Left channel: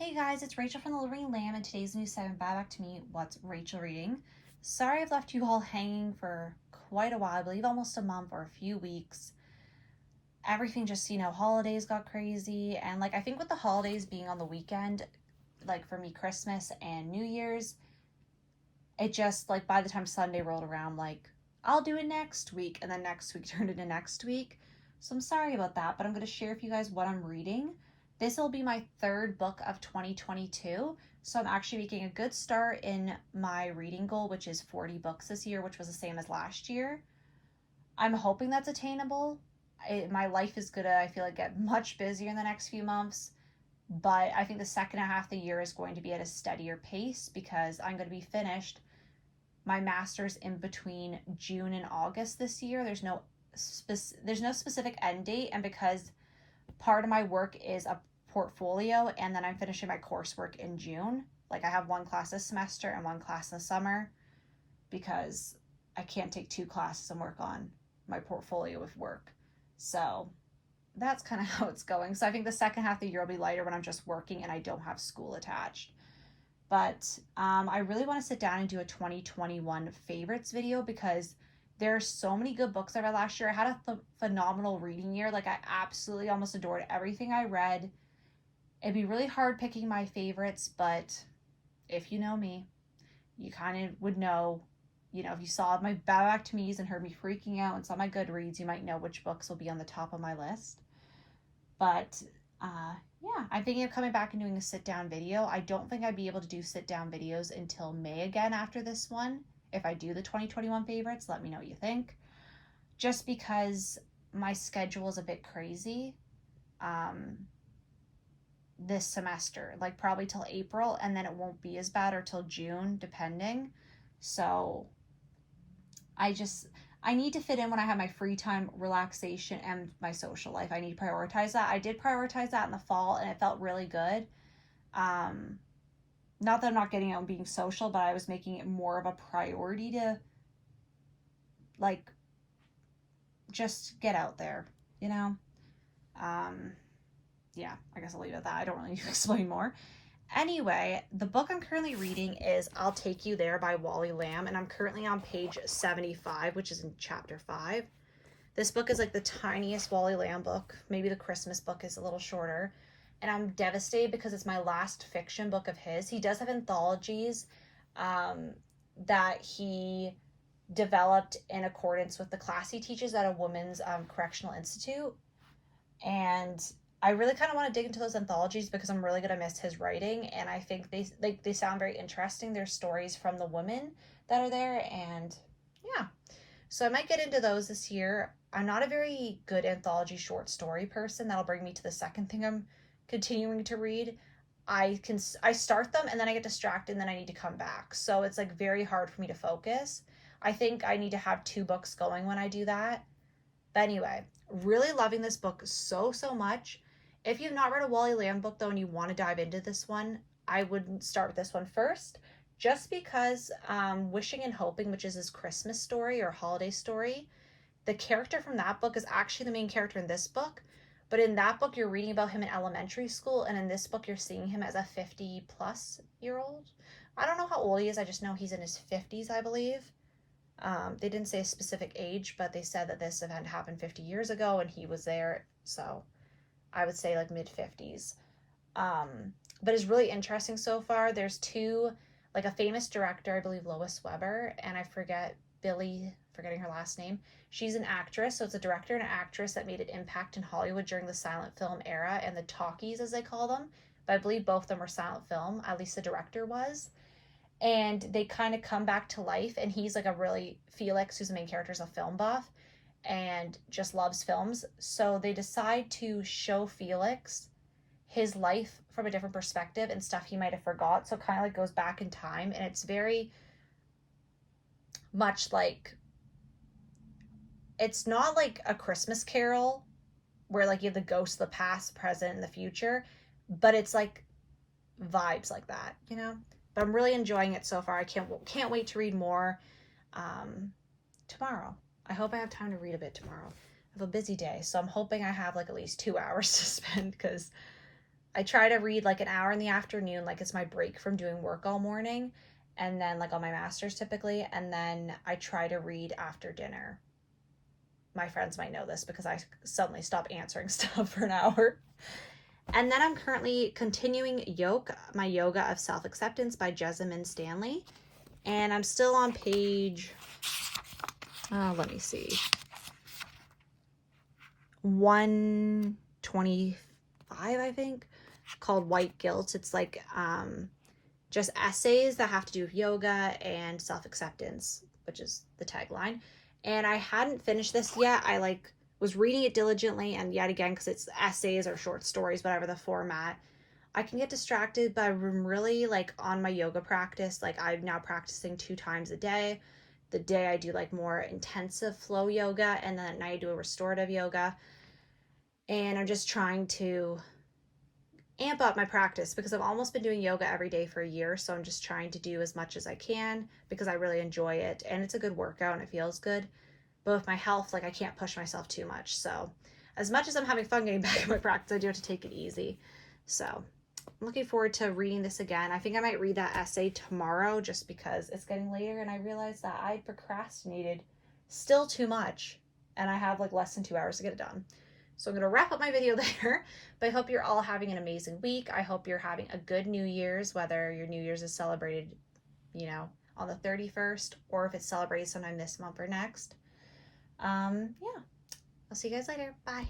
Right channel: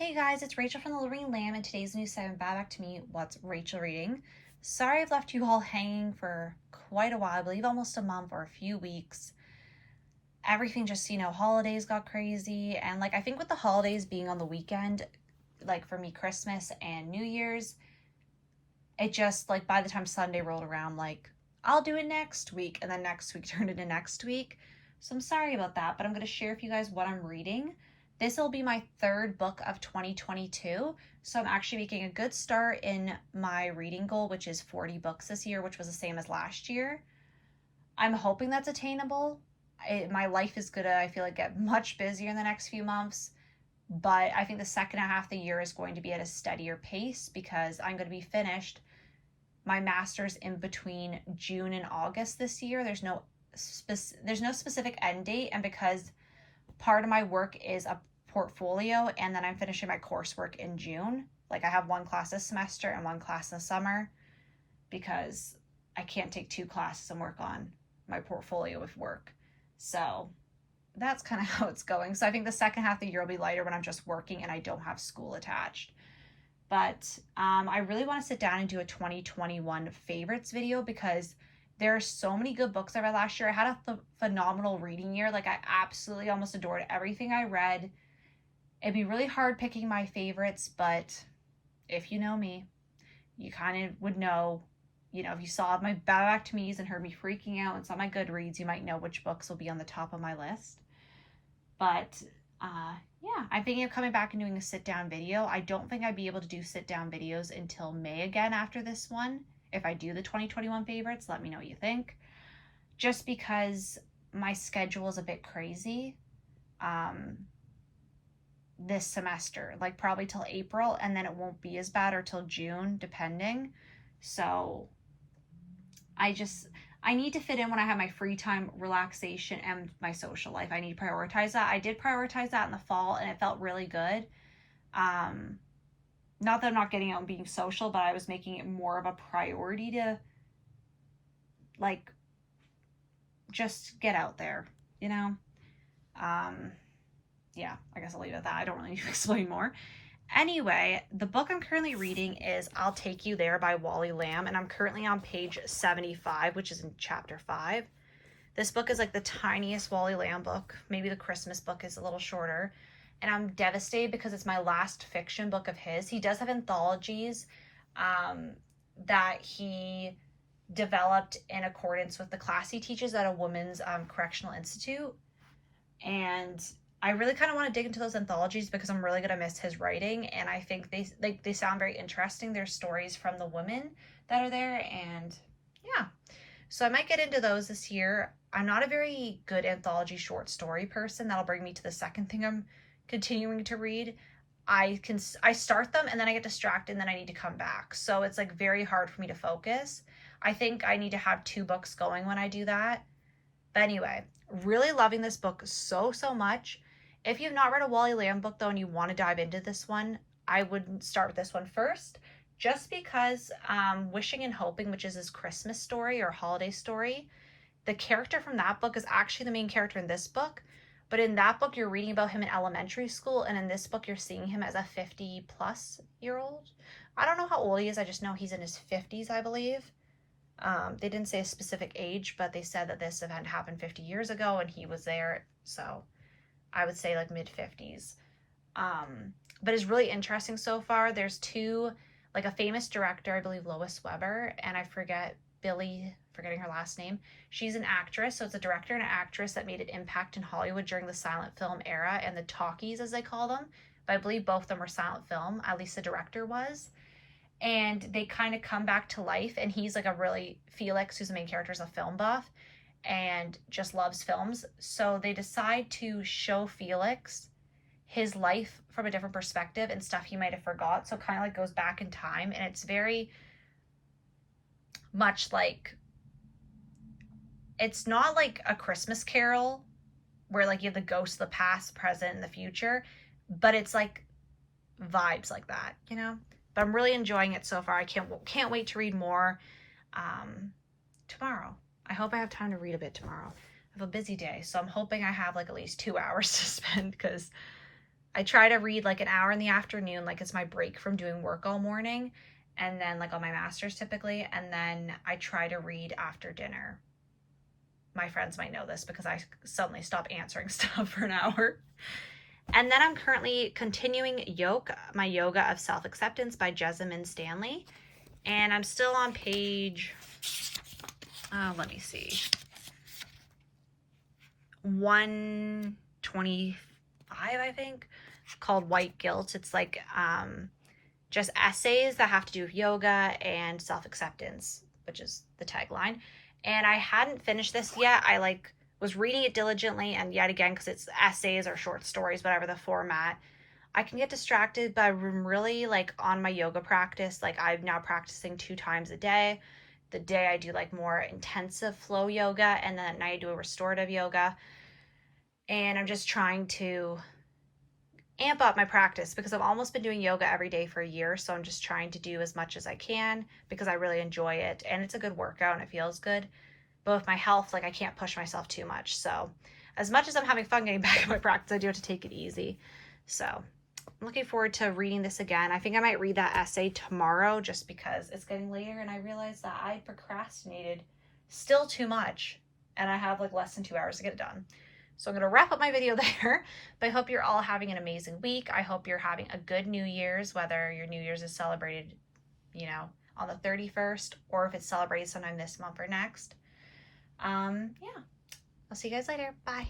Hey guys, it's Rachel from The Living Lamb, and today's new segment, Back to Me, What's Rachel Reading? Sorry I've left you all hanging for quite a while, I believe almost a month or a few weeks. Everything just, holidays got crazy, and I think with the holidays being on the weekend, for me, Christmas and New Year's, it just, by the time Sunday rolled around, I'll do it next week, and then next week turned into next week. So I'm sorry about that, but I'm going to share with you guys what I'm reading. This will be my third book of 2022, so I'm actually making a good start in my reading goal, which is 40 books this year, which was the same as last year. I'm hoping that's attainable. My life is going to, I feel like, get much busier in the next few months, but I think the second half of the year is going to be at a steadier pace because I'm going to be finished my master's in between June and August this year. There's no specific end date, and because part of my work is a portfolio and then I'm finishing my coursework in June. I have one class this semester and one class in the summer because I can't take two classes and work on my portfolio with work. So that's kind of how it's going. So I think the second half of the year will be lighter when I'm just working and I don't have school attached. But I really want to sit down and do a 2021 favorites video because there are so many good books I read last year. I had a phenomenal reading year. I absolutely almost adored everything I read. It'd be really hard picking my favorites, but if you know me, you kind of would know, if you saw my Back to Me's and heard me freaking out and saw my Goodreads, you might know which books will be on the top of my list. But yeah, I'm thinking of coming back and doing a sit-down video. I don't think I'd be able to do sit-down videos until May again after this one. If I do the 2021 favorites, let me know what you think. Just because my schedule is a bit crazy this semester, probably till April, and then it won't be as bad or till June, depending. So I need to fit in when I have my free time, relaxation, and my social life. I need to prioritize that. I did prioritize that in the fall, and it felt really good. Not that I'm not getting out and being social, but I was making it more of a priority to, just get out there, Yeah, I guess I'll leave it at that. I don't really need to explain more. Anyway, the book I'm currently reading is I'll Take You There by Wally Lamb, and I'm currently on page 75, which is in chapter 5. This book is the tiniest Wally Lamb book. Maybe the Christmas book is a little shorter. And I'm devastated because it's my last fiction book of his. He does have anthologies that he developed in accordance with the class he teaches at a women's correctional institute. And I really kind of want to dig into those anthologies because I'm really going to miss his writing, and I think they sound very interesting. There's stories from the women that are there, and yeah. So I might get into those this year. I'm not a very good anthology short story person. That'll bring me to the second thing I'm continuing to read. I start them and then I get distracted and then I need to come back. So it's very hard for me to focus. I think I need to have 2 books going when I do that. But anyway, really loving this book so much. If you've not read a Wally Lamb book though and you want to dive into this one, I would start with this one first, just because Wishing and Hoping, which is his Christmas story or holiday story, the character from that book is actually the main character in this book. But in that book, you're reading about him in elementary school, and in this book, you're seeing him as a 50-plus-year-old. I don't know how old he is. I just know he's in his 50s, I believe. They didn't say a specific age, but they said that this event happened 50 years ago, and he was there. So I would say mid-50s. But it's really interesting so far. There's 2, a famous director, I believe Lois Weber, and I forgetting her last name. She's an actress, so it's a director and an actress that made an impact in Hollywood during the silent film era and the talkies, as they call them. But I believe both of them were silent film, at least the director was. And they kind of come back to life, and he's Felix, who's the main character, is a film buff and just loves films. So they decide to show Felix his life from a different perspective and stuff he might have forgot. So kind of goes back in time, and it's very much it's not like A Christmas Carol where you have the ghosts of the past, present, and the future, but it's vibes like that, But I'm really enjoying it so far. I can't wait to read more tomorrow. I hope I have time to read a bit tomorrow. I have a busy day, so I'm hoping I have at least 2 hours to spend because I try to read like an hour in the afternoon, like it's my break from doing work all morning, and then like on my master's typically, and then I try to read after dinner. My friends might know this because I suddenly stop answering stuff for an hour. And then I'm currently continuing my Yoga of Self-Acceptance by Jessamyn Stanley. And I'm still on page, let me see, 125, I think, called White Guilt. It's like just essays that have to do with yoga and self-acceptance, which is the tagline. And I hadn't finished this yet. I like was reading it diligently, and yet again, because it's essays or short stories, whatever the format, I can get distracted, but I'm really like on my yoga practice. Like I'm now practicing 2 times a day. The day I do like more intensive flow yoga, and then at night I do a restorative yoga. And I'm just trying to amp up my practice because I've almost been doing yoga every day for a year. So I'm just trying to do as much as I can because I really enjoy it, and it's a good workout and it feels good. But with my health, like I can't push myself too much. So as much as I'm having fun getting back in my practice, I do have to take it easy. So I'm looking forward to reading this again. I think I might read that essay tomorrow just because it's getting later and I realized that I procrastinated still too much and I have like less than 2 hours to get it done. So I'm going to wrap up my video there, but I hope you're all having an amazing week. I hope you're having a good New Year's, whether your New Year's is celebrated, on the 31st, or if it's celebrated sometime this month or next. Yeah, I'll see you guys later. Bye.